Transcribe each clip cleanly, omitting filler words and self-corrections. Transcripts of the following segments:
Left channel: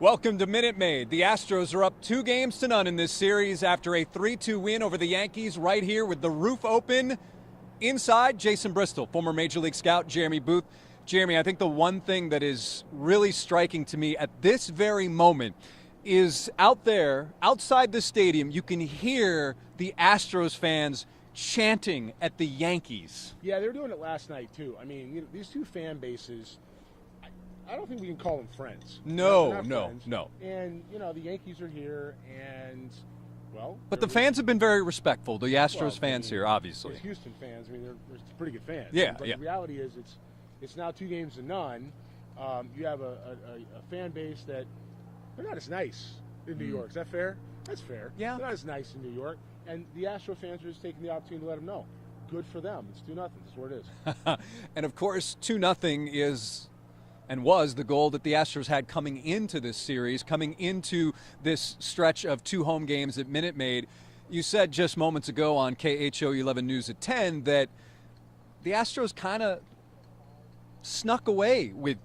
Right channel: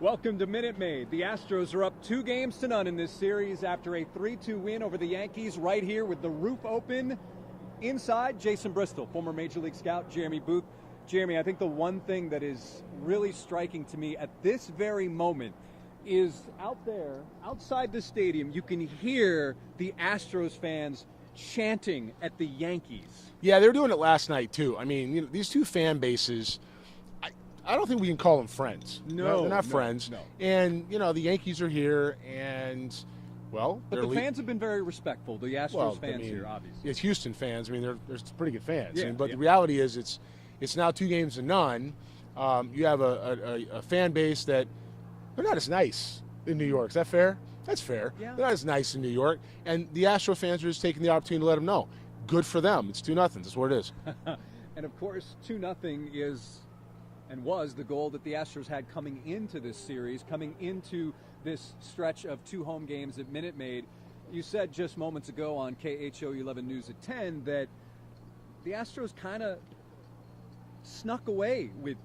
Welcome to Minute Maid. The Astros are up 2-0 in this series after a 3-2 win over the Yankees right here with the roof open. Inside, Jason Bristol, former Major League scout Jeremy Booth. Jeremy, I think the one thing that is really striking to me at this very moment is out there, outside the stadium, you can hear the Astros fans chanting at the Yankees. Yeah, they were doing it last night, too. I mean, these two fan bases, I don't think we can call them friends. No, they're not friends. No. And, the Yankees are here, and, well. But the fans have been very respectful, the Astros fans here, obviously. It's Houston fans. I mean, they're pretty good fans. Yeah. But the reality is it's now 2-0. You have a fan base that they're not as nice in New York. Is that fair? That's fair. Yeah. They're not as nice in New York. And the Astro fans are just taking the opportunity to let them know. Good for them. It's 2-0. That's what it is. And, of course, 2-0 is and was the goal that the Astros had coming into this series, coming into this stretch of 2 home games at Minute Maid. You said just moments ago on KHOU 11 News at 10 that the Astros kind of snuck away with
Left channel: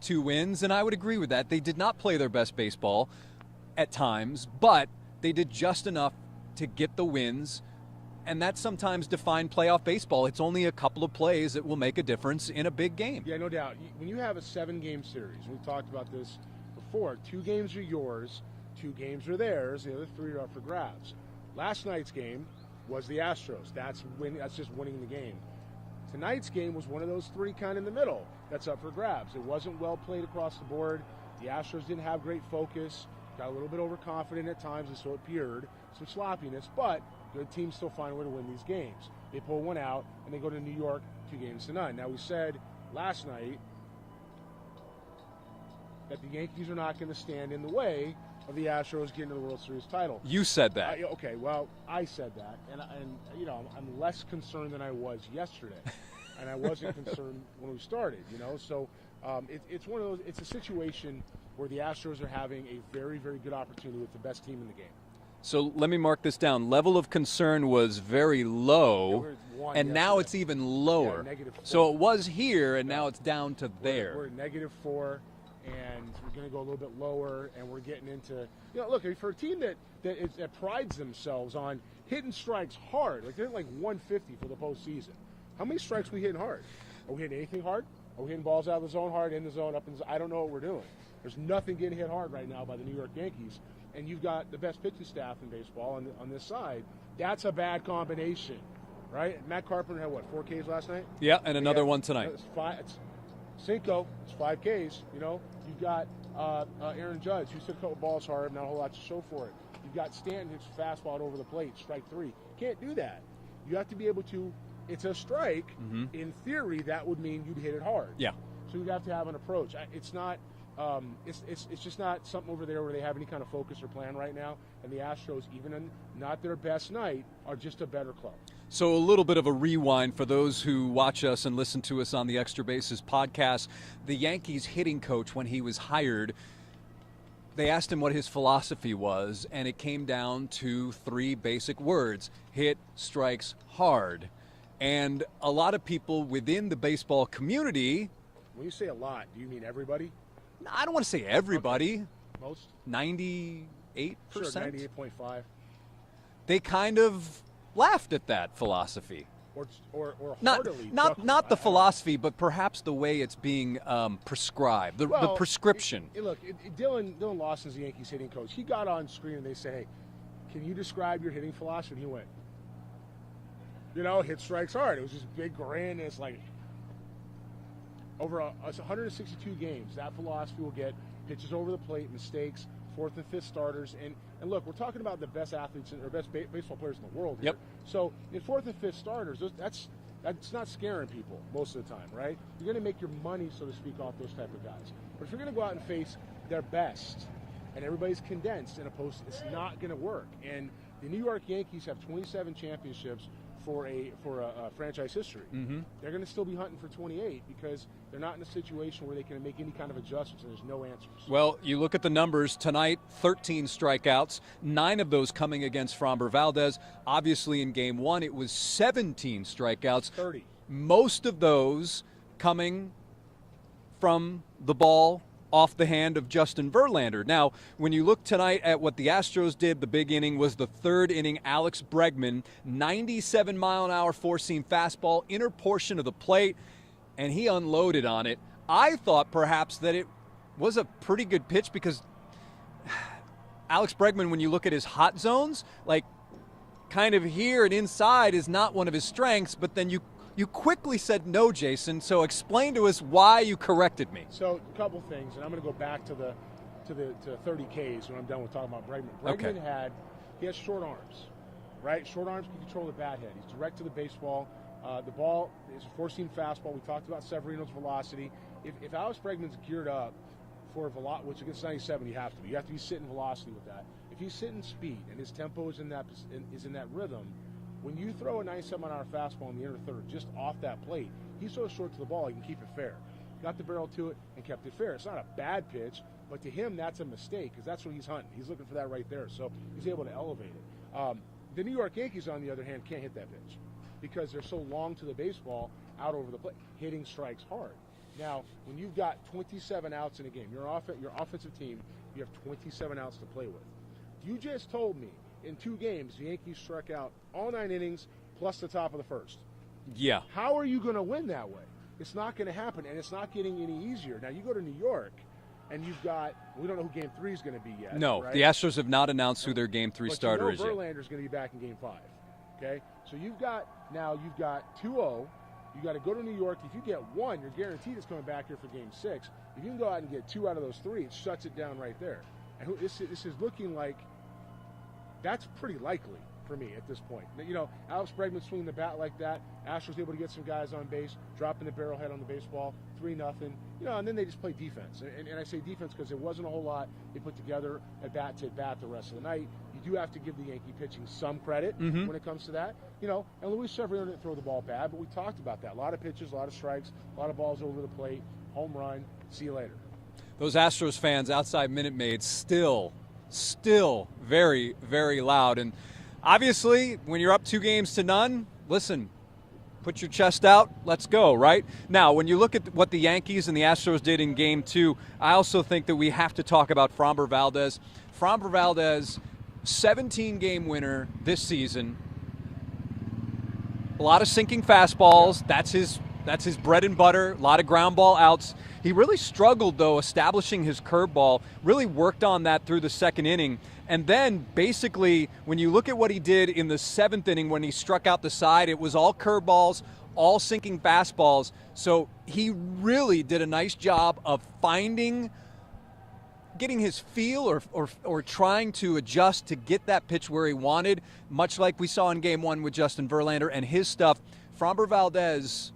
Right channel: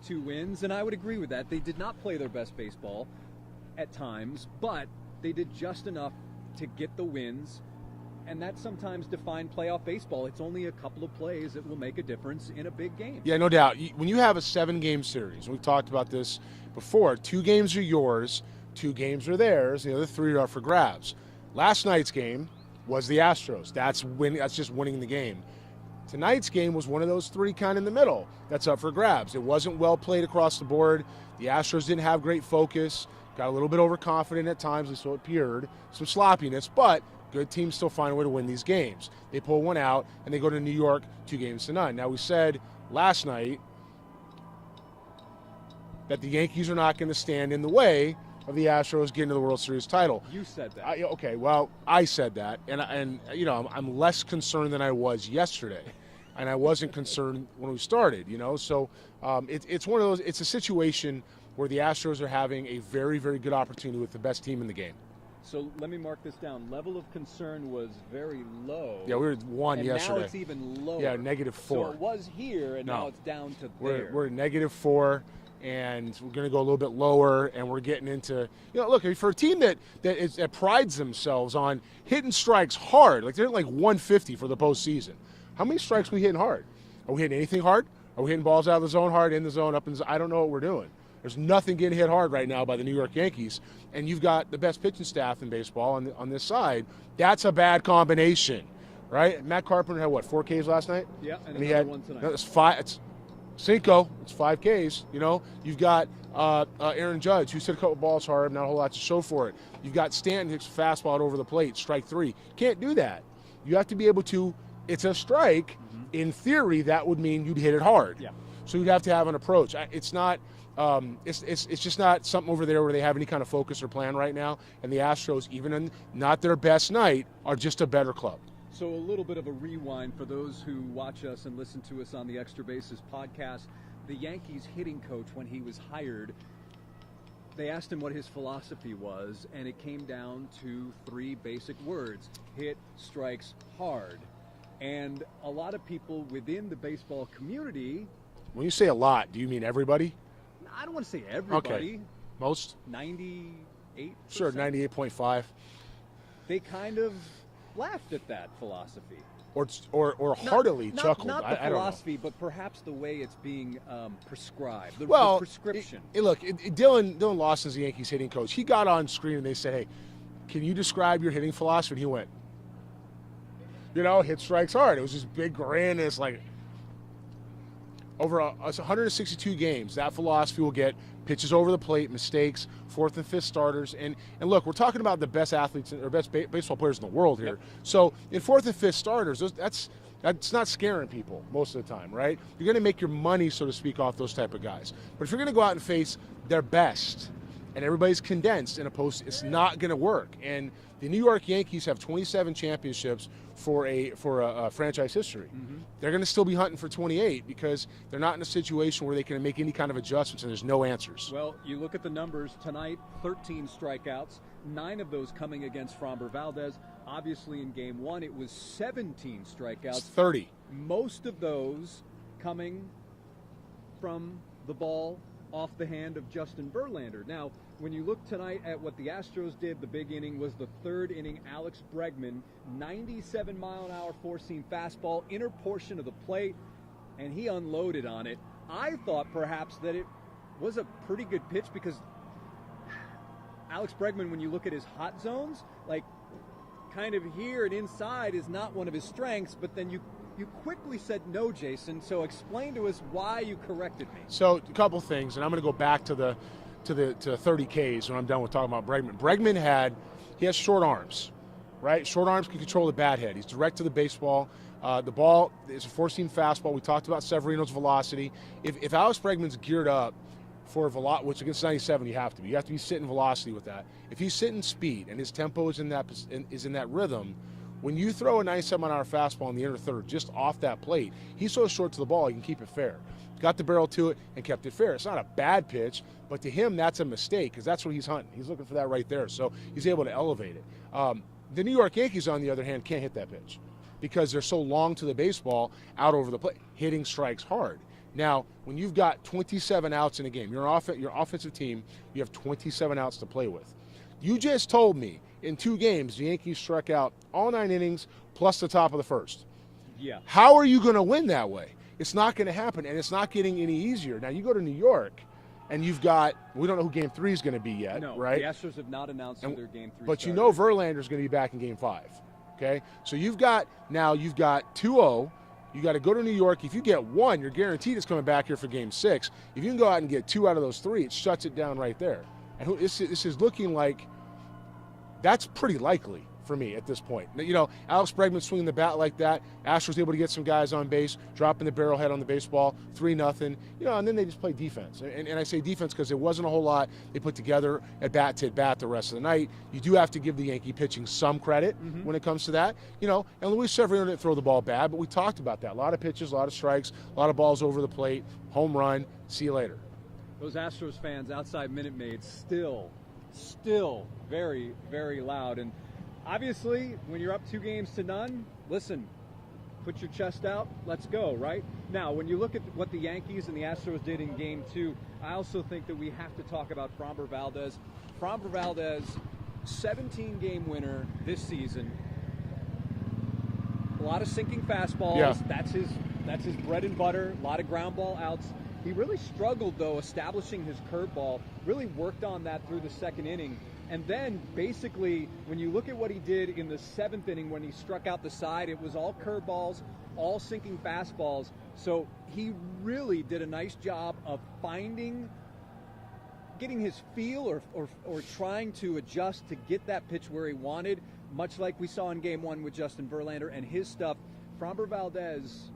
2 wins, and I would agree with that. They did not play their best baseball at times, but they did just enough to get the wins. And that sometimes defined playoff baseball. It's only a couple of plays that will make a difference in a big game. Yeah, no doubt. When you have a 7-game series, we've talked about this before, 2 games are yours, 2 games are theirs, the other 3 are for grabs. Last night's game was the Astros. That's just winning the game. Tonight's game was one of those 3 kind of in the middle. That's up for grabs. It wasn't well played across the board. The Astros didn't have great focus, got a little bit overconfident at times, and so it appeared. Some sloppiness, but good teams still find a way to win these games. They pull one out, and they go to New York 2-0. Now, we said last night that the Yankees are not going to stand in the way of the Astros getting to the World Series title. You said that. Okay, well, I said that, and I'm less concerned than I was yesterday, and I wasn't concerned when we started. So it's one of those. It's a situation where the Astros are having a very, very good opportunity with the best team in the game. So let me mark this down. Level of concern was very low. Yeah, we were at 1 and yesterday. now it's even lower. Yeah, -4. So it was here, and now it's down to there. We're at -4, and we're going to go a little bit lower, and we're getting into, look, for a team that prides themselves on hitting strikes hard, like they're at 150 for the postseason. How many strikes are we hitting hard? Are we hitting anything hard? Are we hitting balls out of the zone hard, in the zone, up in the zone? I don't know what we're doing. There's nothing getting hit hard right now by the New York Yankees, and you've got the best pitching staff in baseball on this side. That's a bad combination, right? Matt Carpenter had, 4 Ks last night? Yeah, and another one tonight. It's 5. It's Cinco. It's 5 Ks. You've got Aaron Judge, who's hit a couple balls hard, not a whole lot to show for it. You've got Stanton, who's fastball over the plate, strike 3. Can't do that. You have to be able to. It's a strike. Mm-hmm. In theory, that would mean you'd hit it hard. Yeah. So you'd have to have an approach. It's not. It's just not something over there where they have any kind of focus or plan right now. And the Astros, even in not their best night, are just a better club. So a little bit of a rewind for those who watch us and listen to us on the Extra Bases podcast. The Yankees hitting coach, when he was hired, they asked him what his philosophy was, and it came down to 3 basic words: hit strikes hard. And a lot of people within the baseball community. When you say a lot, do you mean everybody? I don't want to say everybody. Okay. Most? 98%? Sure, 98.5. They kind of laughed at that philosophy. Or heartily chuckled. Not the philosophy, but perhaps the way it's being prescribed, the prescription. Look, Dylan Lawson's the Yankees hitting coach. He got on screen and they said, hey, can you describe your hitting philosophy? And he went, hit strikes hard. It was this big grin. And it's like, over 162 games, that philosophy will get pitches over the plate, mistakes, 4th and 5th starters. And look, we're talking about the best athletes or best baseball players in the world here. Yep. So in 4th and 5th starters, that's not scaring people most of the time, right? You're going to make your money, so to speak, off those type of guys. But if you're going to go out and face their best and everybody's condensed in a post, it's not going to work. And the New York Yankees have 27 championships for a franchise history. Mm-hmm. They're going to still be hunting for 28 because they're not in a situation where they can make any kind of adjustments and there's no answers. Well, you look at the numbers tonight, 13 strikeouts, 9 of those coming against Framber Valdez. Obviously in game 1, it was 17 strikeouts. It's 30. Most of those coming from the ball off the hand of Justin Verlander. Now, when you look tonight at what the Astros did, the big inning was the third inning. Alex Bregman, 97-mile-an-hour four-seam fastball, inner portion of the plate, and he unloaded on it. I thought perhaps that it was a pretty good pitch because Alex Bregman, when you look at his hot zones, like kind of here and inside is not one of his strengths, but then you quickly said no, Jason, so explain to us why you corrected me. So a couple things, and I'm going to go back to the 30 Ks when I'm done with talking about Bregman. Bregman he has short arms, right? Short arms can control the bat head. He's direct to the baseball. The ball is a four-seam fastball. We talked about Severino's velocity. If Alex Bregman's geared up for velocity, which against 97 you have to be. You have to be sitting velocity with that. If he's sitting speed and his tempo is in that rhythm, when you throw a 97-mile-an-hour fastball in the inner third just off that plate, he's so short to the ball, he can keep it fair. Got the barrel to it and kept it fair. It's not a bad pitch, but to him, that's a mistake because that's what he's hunting. He's looking for that right there, so he's able to elevate it. The New York Yankees, on the other hand, can't hit that pitch because they're so long to the baseball out over the plate, hitting strikes hard. Now, when you've got 27 outs in a game, your offensive team, you have 27 outs to play with. You just told me in 2 games, the Yankees struck out all 9 innings plus the top of the first. Yeah. How are you going to win that way? It's not going to happen, and it's not getting any easier. Now, you go to New York, and you've got – we don't know who Game 3 is going to be yet, no, right? The Astros have not announced who their Game 3 starter is. But you know Verlander's going to be back in Game 5, okay? So you've got 2-0. You got to go to New York. If you get 1, you're guaranteed it's coming back here for Game 6. If you can go out and get 2 out of those 3, it shuts it down right there. And this is looking like that's pretty likely for me at this point. You know, Alex Bregman swinging the bat like that. Astros able to get some guys on base, dropping the barrel head on the baseball, 3-0. You know, and then they just play defense. And I say defense because there wasn't a whole lot they put together at bat to bat the rest of the night. You do have to give the Yankee pitching some credit when it comes to that. You know, and Luis Severino didn't throw the ball bad, but we talked about that. A lot of pitches, a lot of strikes, a lot of balls over the plate, home run. See you later. Those Astros fans outside Minute Maid still very, very loud. And obviously, when you're up 2-0, listen, put your chest out, let's go, right? Now, when you look at what the Yankees and the Astros did in Game 2, I also think that we have to talk about Framber Valdez. Framber Valdez, 17-game winner this season. A lot of sinking fastballs. Yeah. That's his bread and butter. A lot of ground ball outs. He really struggled, though, establishing his curveball, really worked on that through the second inning. And then, basically, when you look at what he did in the 7th inning when he struck out the side, it was all curveballs, all sinking fastballs. So he really did a nice job of getting his feel or trying to adjust to get that pitch where he wanted, much like we saw in Game 1 with Justin Verlander and his stuff. Framber Valdez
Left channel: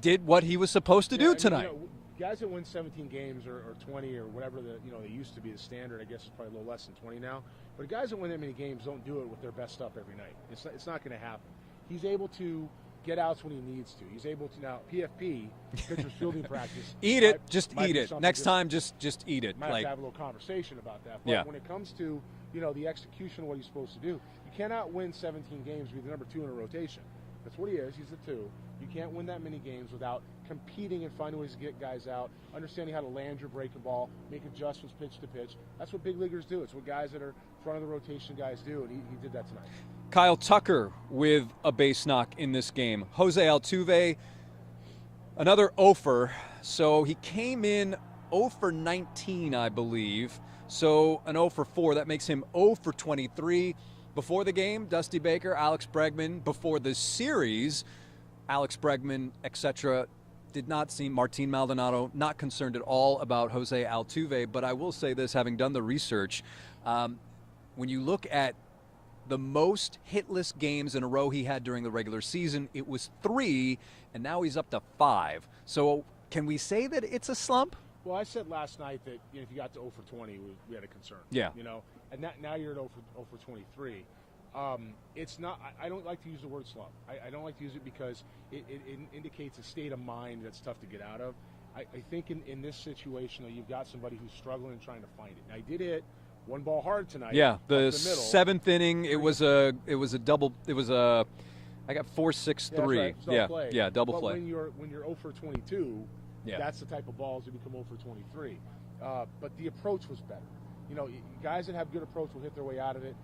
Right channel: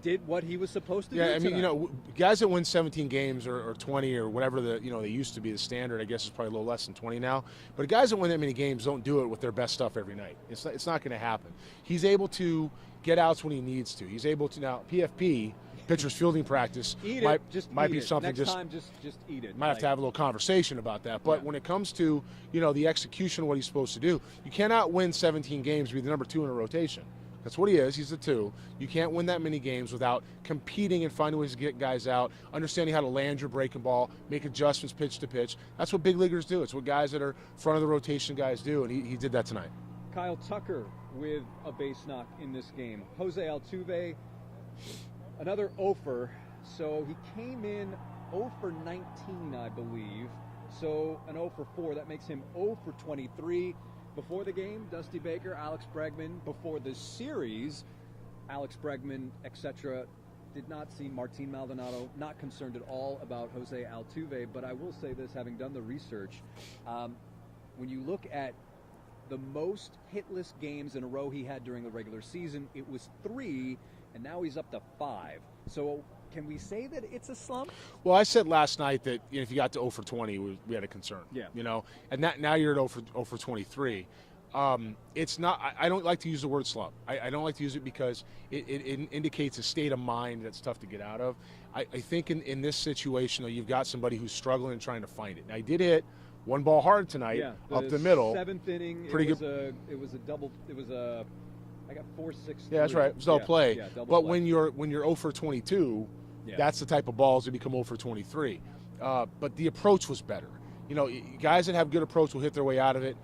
did what he was supposed to do tonight. You know, guys that win 17 games or 20 or whatever they used to be the standard, I guess it's probably a little less than 20 now. But guys that win that many games don't do it with their best stuff every night. It's not going to happen. He's able to get outs when he needs to. He's able to now PFP, pitcher's fielding practice. Eat it. Just eat it. Next time, just eat it. Might have to have a little conversation about that. But when it comes to the execution of what he's supposed to do, you cannot win 17 games, be the number 2 in a rotation. That's what he is. He's the 2. You can't win that many games without competing and finding ways to get guys out, understanding how to land your breaking ball, make adjustments pitch to pitch. That's what big leaguers do. It's what guys that are front of the rotation guys do, and he did that tonight. Kyle Tucker with a base knock in this game. Jose Altuve, another 0-for. So he came in 0 for 19, I believe. So an 0 for 4. That makes him 0 for 23. Before the game, Dusty Baker, Alex Bregman. Before the series, Alex Bregman, etc. Did not seem, Martin Maldonado, not concerned at all about Jose Altuve. But I will say this, having done the research, when you look at the most hitless games in a row he had during the regular season, it was 3, and now he's up to 5. So can we say that it's a slump? Well, I said last night that if you got to 0 for 20, we had a concern. Yeah. And now you're at 0 for 23. It's not. I don't like to use the word slump. I don't like to use it because it indicates a state of mind that's tough to get out of. I think in this situation, though, you've got somebody who's struggling and trying to find it. Now, he did hit one ball hard tonight. Yeah, up the middle. 7th inning. It was a double. It was a. I got 4-6-3. Yeah, that's right. It was all play. Yeah, double but play. When you're 0 for 22, That's the type of balls that become 0 for 23. But the approach was better. You know, guys that have good approach will hit their way out of it.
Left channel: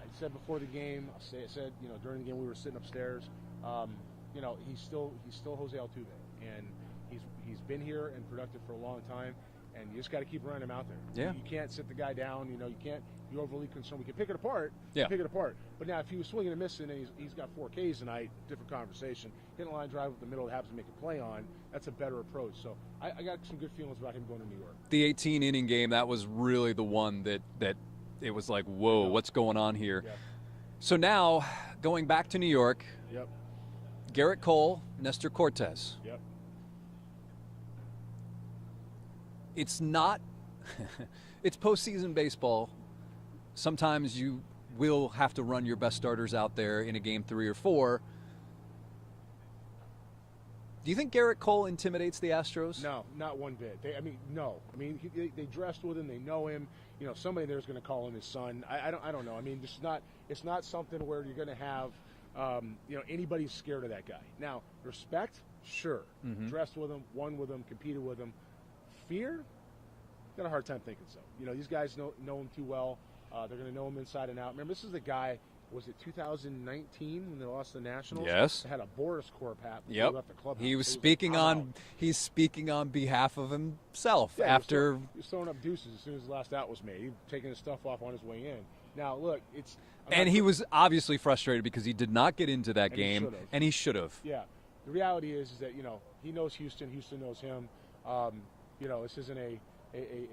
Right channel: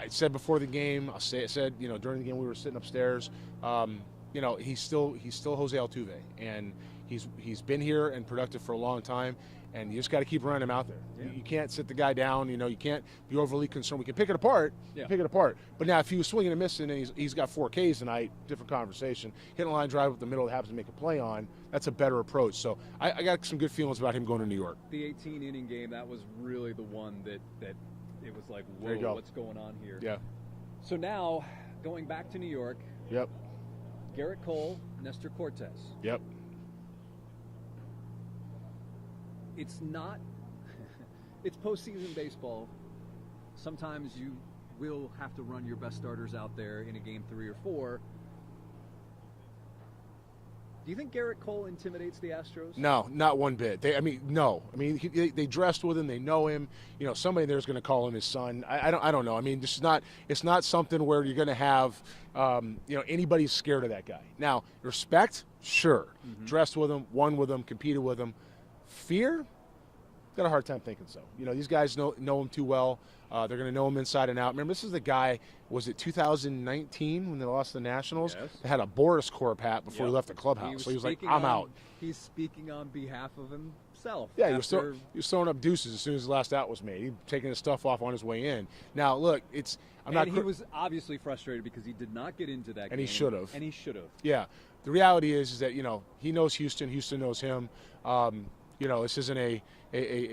I said before the game, I said, you know, during the game we were sitting upstairs, you know, he's still Jose Altuve, and he's been here and productive for a long time, and you just got to keep running him out there. Yeah. You can't sit the guy down. You know, you can't be overly concerned. We can pick it apart. Yeah. Pick it apart. But now if he was swinging and missing and he's got 4 Ks tonight, different conversation. Hitting a line drive up the middle that happens to make a play on, that's a better approach. So I got some good feelings about him going to New York. The 18-inning game, that was really the one that it was like, whoa, what's going on here? Yeah. So now, going back to New York. Yep. Garrett Cole, Nestor Cortez. Yep. It's not it's postseason baseball. Sometimes you will have to run your best starters out there in a game 3 or 4. Do you think Garrett Cole intimidates the Astros? No, not one bit. No. They dressed with him. They know him. You know, somebody there's going to call him his son. I don't know. I mean, it's not something where you're going to have, you know, anybody's scared of that guy. Now, respect, sure. Mm-hmm. Dressed with him, won with him, competed with him. Fear, got a hard time thinking so. You know, these guys know him too well. They're going to know him inside and out. Remember, this is the guy, was it 2019 when they lost the Nationals? Yes. They had a Boris Corp hat before he left the clubhouse. He was so speaking like, on he's speaking on behalf of himself. Yeah, after he was throwing up deuces as soon as the last out was made. He was taking his stuff off on his way in. Now, look, he was obviously frustrated because he did not get into that game. And he should have. Yeah. The reality is that, you know, he knows Houston. Houston knows him. You know, this isn't a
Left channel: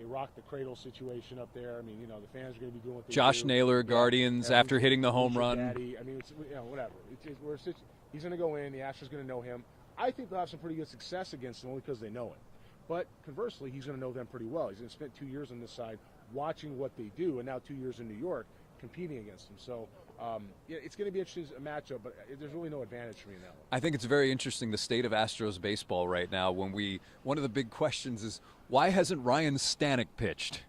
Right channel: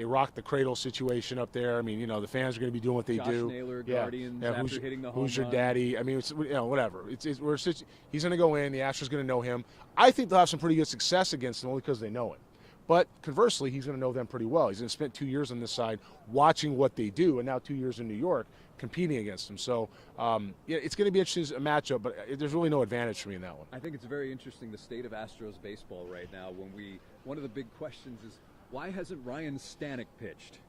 rock the cradle situation up there. I mean, you know, the fans are going to be doing what they do. Josh Naylor, Guardians, after hitting the home run. Daddy. I mean, it's, you know, whatever. He's going to go in. The Astros going to know him. I think they'll have some pretty good success against him only because they know him. But conversely, he's going to know them pretty well. He's going to spend 2 years on this side watching what they do, and now 2 years in New York competing against them. So it's going to be interesting a matchup, but there's really no advantage for me in that one. I think it's very interesting, the state of Astros baseball right now. One of the big questions is, why hasn't Ryan Stanek pitched?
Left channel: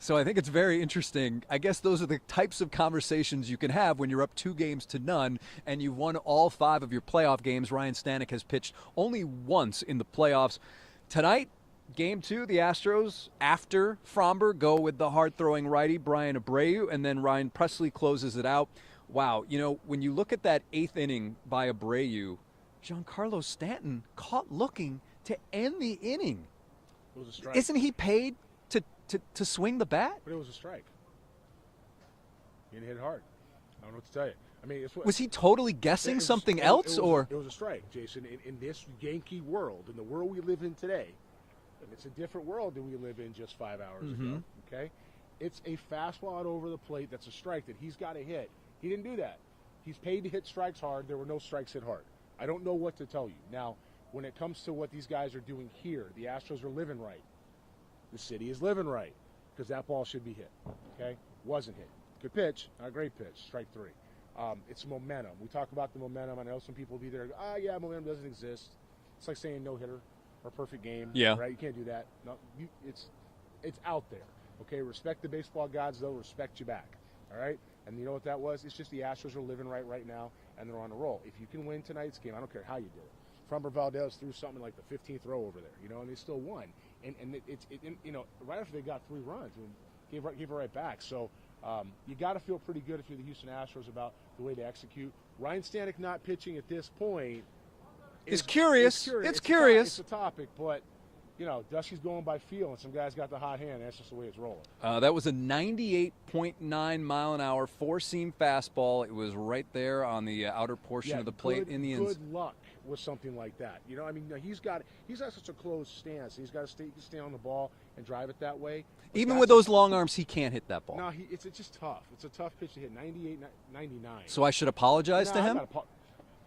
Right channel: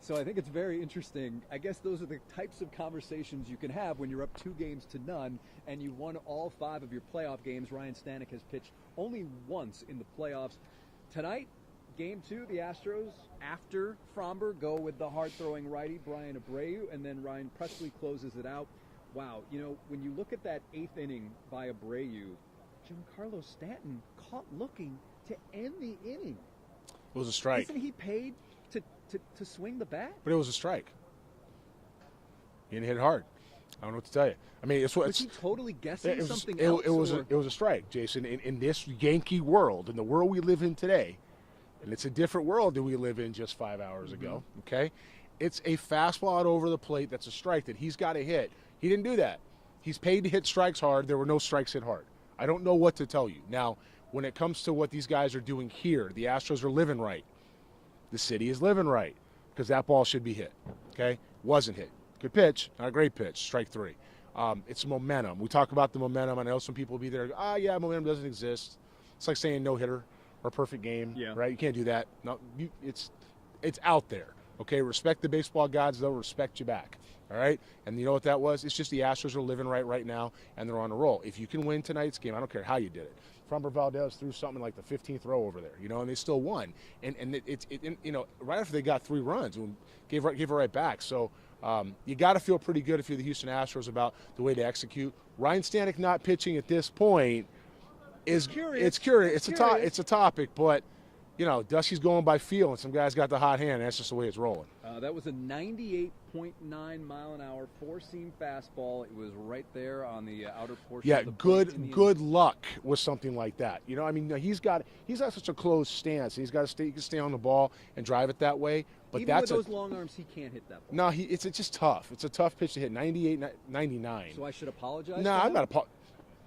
So I think it's very interesting. I guess those are the types of conversations you can have when you're up 2-0 and you've won all 5 of your playoff games. Ryan Stanek has pitched only once in the playoffs. Tonight, Game 2, the Astros, after Fromber, go with the hard-throwing righty, Brian Abreu, and then Ryan Presley closes it out. Wow, you know, when you look at that 8th inning by Abreu, Giancarlo Stanton caught looking to end the inning. It was a strike. Isn't he paid to swing the bat? But it was a strike. He didn't hit it hard. I don't know what to tell you. I mean, was he totally guessing something else? It was a strike, Jason. In this Yankee world, in the world we live in today, and it's a different world than we live in just 5 hours ago, okay? It's a fastball out over the plate that's a strike that he's got to hit. He didn't do that. He's paid to hit strikes hard. There were no strikes hit hard. I don't know what to tell you. Now, when it comes to what these guys are doing here, the Astros are living right. The city is living right because that ball should be hit, okay? Wasn't hit. Good pitch, not a great pitch, strike 3. It's momentum. We talk about the momentum. I know some people will be there, yeah, momentum doesn't exist. It's like saying no-hitter or perfect game, right? You can't do that. No, it's out there, okay? Respect the baseball gods. They'll respect you back, all right? And you know what that was? It's just the Astros are living right now, and they're on a roll. If you can win tonight's game, I don't care how you did it. Fromber Valdez threw something like the 15th row over there, you know, and they still won. And you know, right after they got 3 runs, gave it right back. So you got to feel pretty good if you're the Houston Astros about the way to execute. Ryan Stanek not pitching at this point is curious. It's curious. It's a topic, but you know, Dusty's going by feel, and some guys got the hot hand. And that's just the way it's rolling. That was a 98.9 mile an hour 4-seam fastball. It was right there on the outer portion of the plate. Good luck with something like that. You know, I mean, he's got such a closed stance. He can stay on the ball and drive it that way. But even with those long arms, he can't hit that ball. No, it's just tough. It's a tough pitch to hit. 98, 99. So I should apologize to him? I'm not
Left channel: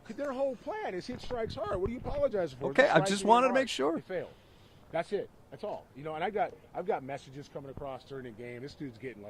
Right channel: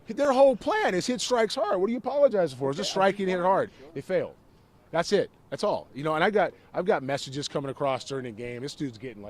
their whole plan is hit strikes hard. What are you apologizing for? Okay, I just want to make sure. They failed. That's it. That's all. You know, and I've got messages coming across during the game. This dude's getting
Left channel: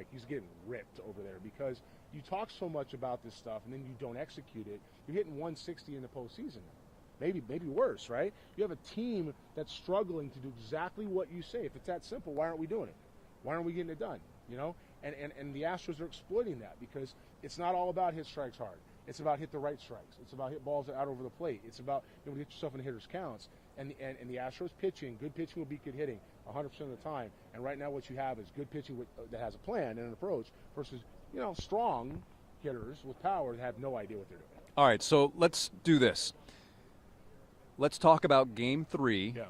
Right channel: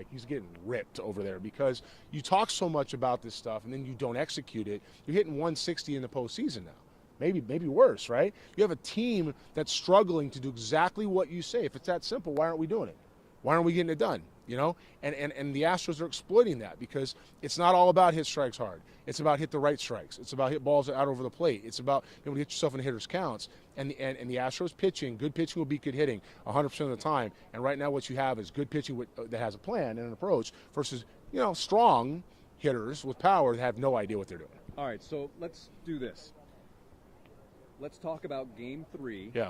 ripped over there because you talk so much about this stuff and then you don't execute it. You're hitting 160 in the postseason now. Maybe worse, right? You have a team that's struggling to do exactly what you say. If it's that simple, why aren't we doing it? Why aren't we getting it done? You know? And the Astros are exploiting that because it's not all about hit strikes hard. It's about hit the right strikes. It's about hit balls out over the plate. It's about being able to hit yourself in hitters' counts. and the Astros pitching, good pitching will beat good hitting 100% of the time. And right now what you have is good pitching that has a plan and an approach versus, strong hitters with power that have no idea what they're doing. All right, so let's do this. Let's talk about Game 3. Yeah.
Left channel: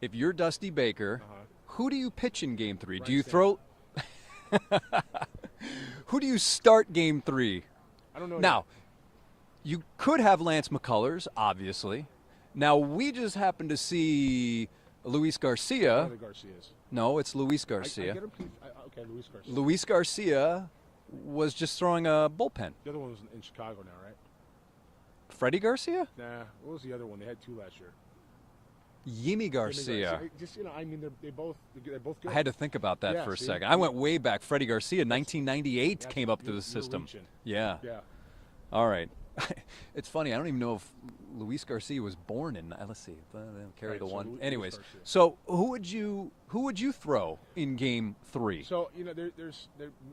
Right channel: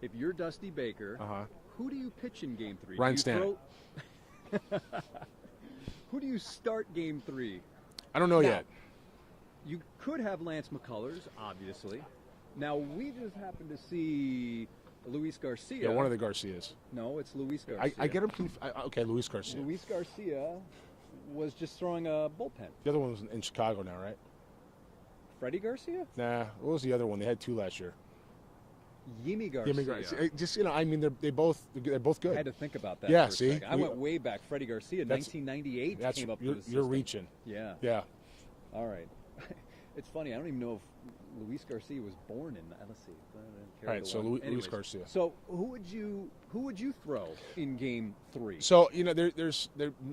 If you're Dusty Baker, who do you pitch in Game 3? Ryan Do you Stanton. throw? Who do you start Game 3? I don't know Now, yet. you could have Lance McCullers, obviously. Now, we just happened to see Luis Garcia. One of the Garcias. No, it's Luis Garcia. I get him. Okay, Luis Garcia. Luis Garcia was just throwing a bullpen. The other one was in Chicago now, right? Freddie Garcia? Nah. What was the other one? They had 2 last year. Yimi Garcia. Just I mean, they're both good. I had to think about that Yeah, for a see? second. I went way back. Freddie Garcia, 1998, That's- came up to the system. You're reaching. Yeah. Yeah. All right. It's funny. I don't even know if Luis Garcia was born in. Let's see. Carry Right, the so one. Luis Anyways, Garcia. so who would you throw in Game 3? So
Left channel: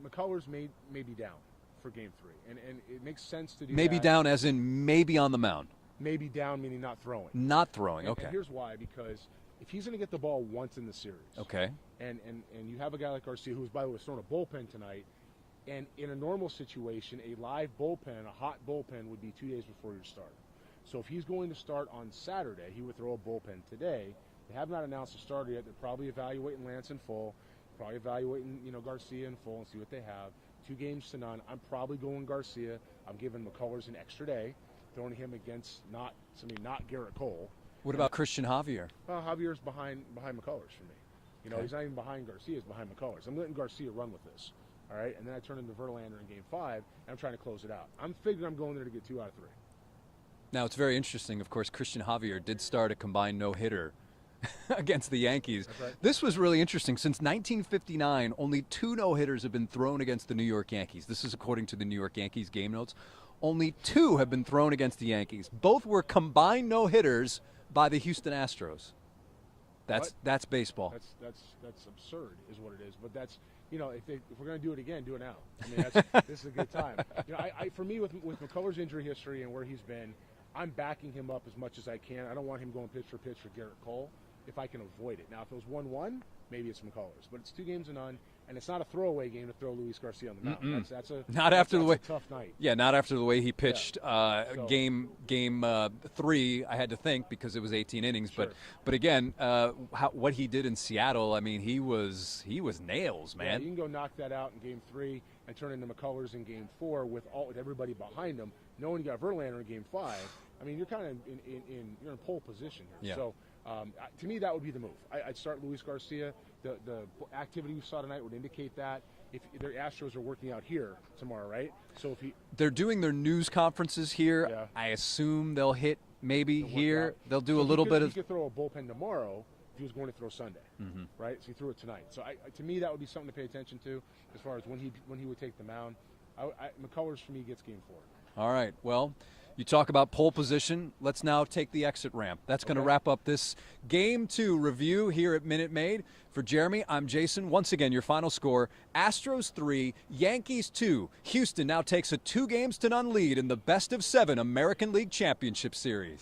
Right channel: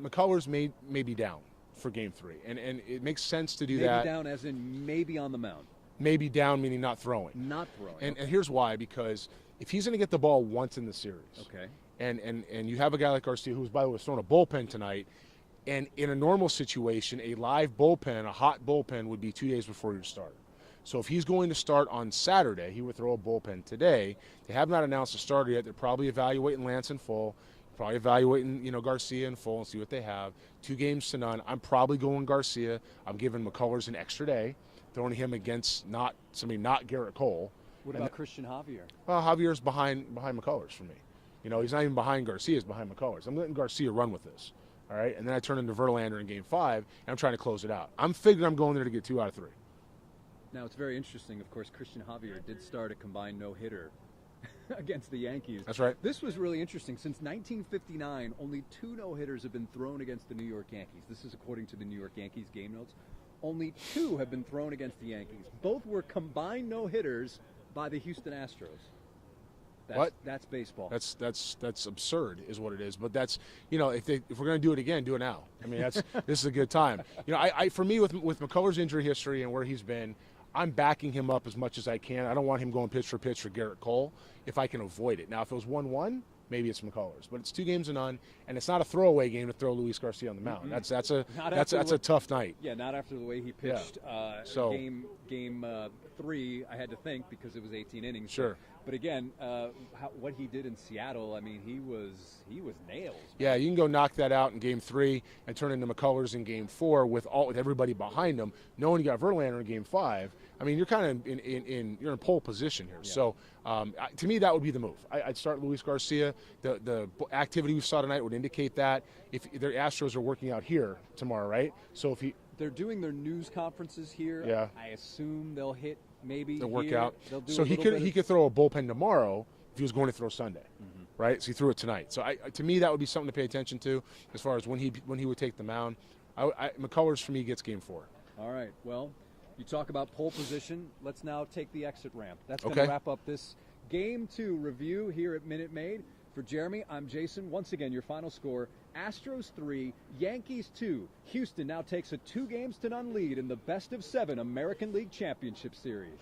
McCullers may be down for Game 3, and it makes sense to do Maybe that. down, as in maybe on the mound. Maybe down meaning not throwing. Not throwing. And Okay. here's why: because if he's going to get the ball once in the series, Okay. and you have a guy like Garcia, who's by the way was throwing a bullpen tonight, and in a normal situation, a live bullpen, a hot bullpen, would be 2 days before your start. So if he's going to start on Saturday, he would throw a bullpen today. They have not announced a starter yet. They're probably evaluating Lance in full, probably evaluating Garcia in full and see what they have. 2 games to none. I'm probably going Garcia. I'm giving McCullers an extra day, throwing him against not Garrett Cole. What about Christian Javier? Well, Javier's behind McCullers for me. He's not even behind Garcia. He's behind McCullers. I'm letting Garcia run with this. All right, and then I turn into Verlander in Game 5, and I'm trying to close it out. I'm figuring I'm going there to get 2 out of 3. Now, it's very interesting. Of course, Christian Javier did start a combined no-hitter against the Yankees. That's right. This was really interesting. Since 1959, only 2 no-hitters have been thrown against the New York Yankees. This is according to the New York Yankees game notes. Only 2 have been thrown against the Yankees. Both were combined no-hitters by the Houston Astros. That's baseball. That's absurd, is what it is. But that's if we're going to do it again, do it now. I mean, this is a good time. For me with McCullers' injury history and where he's been, I'm backing him up as much as I can. I don't want him going pitch for pitch for Garrett Cole if I can avoid it. Now, if it was 1-1, maybe it's McCullers, but it's 2 games to none, and it's not a throwaway game to throw Luis Garcia on the mound. That's a tough night. Yeah, not after the way he pitched So- game 3. I had to think because it was 18 innings. Sure. But again, what he did in Seattle, I mean, he was nails, man. Yeah, you can go knock that out in Game 3 and turn into McCullers in Game 4 with everybody behind him, knowing you got Verlander in Game 5. I mean, you're kind of you're in pole position here. Yeah. So to me, that would be the move. I'd start Luis Garcia. The activity we saw tonight would indicate that. If their Astros are working out here tomorrow, right? So They're doing their news conferences here. Yeah. I assume they'll hit maybe they'll work here. out. They'll do so a little bit He of. could throw a bullpen tomorrow if he was going to throw Sunday, right? So he threw it tonight. So to me, that would be something to pay attention to as far as when he would take the mound. McCullers for me gets Game 4. All right. Well, you talk about pole position. Let's now take the exit ramp. That's going to Okay. wrap up this Game 2 review here at Minute Maid. For Jeremy, I'm Jason. Once again, your final score, Astros 3, Yankees 2. Houston now takes a 2 games to none lead in the best of 7 American League Championship Series.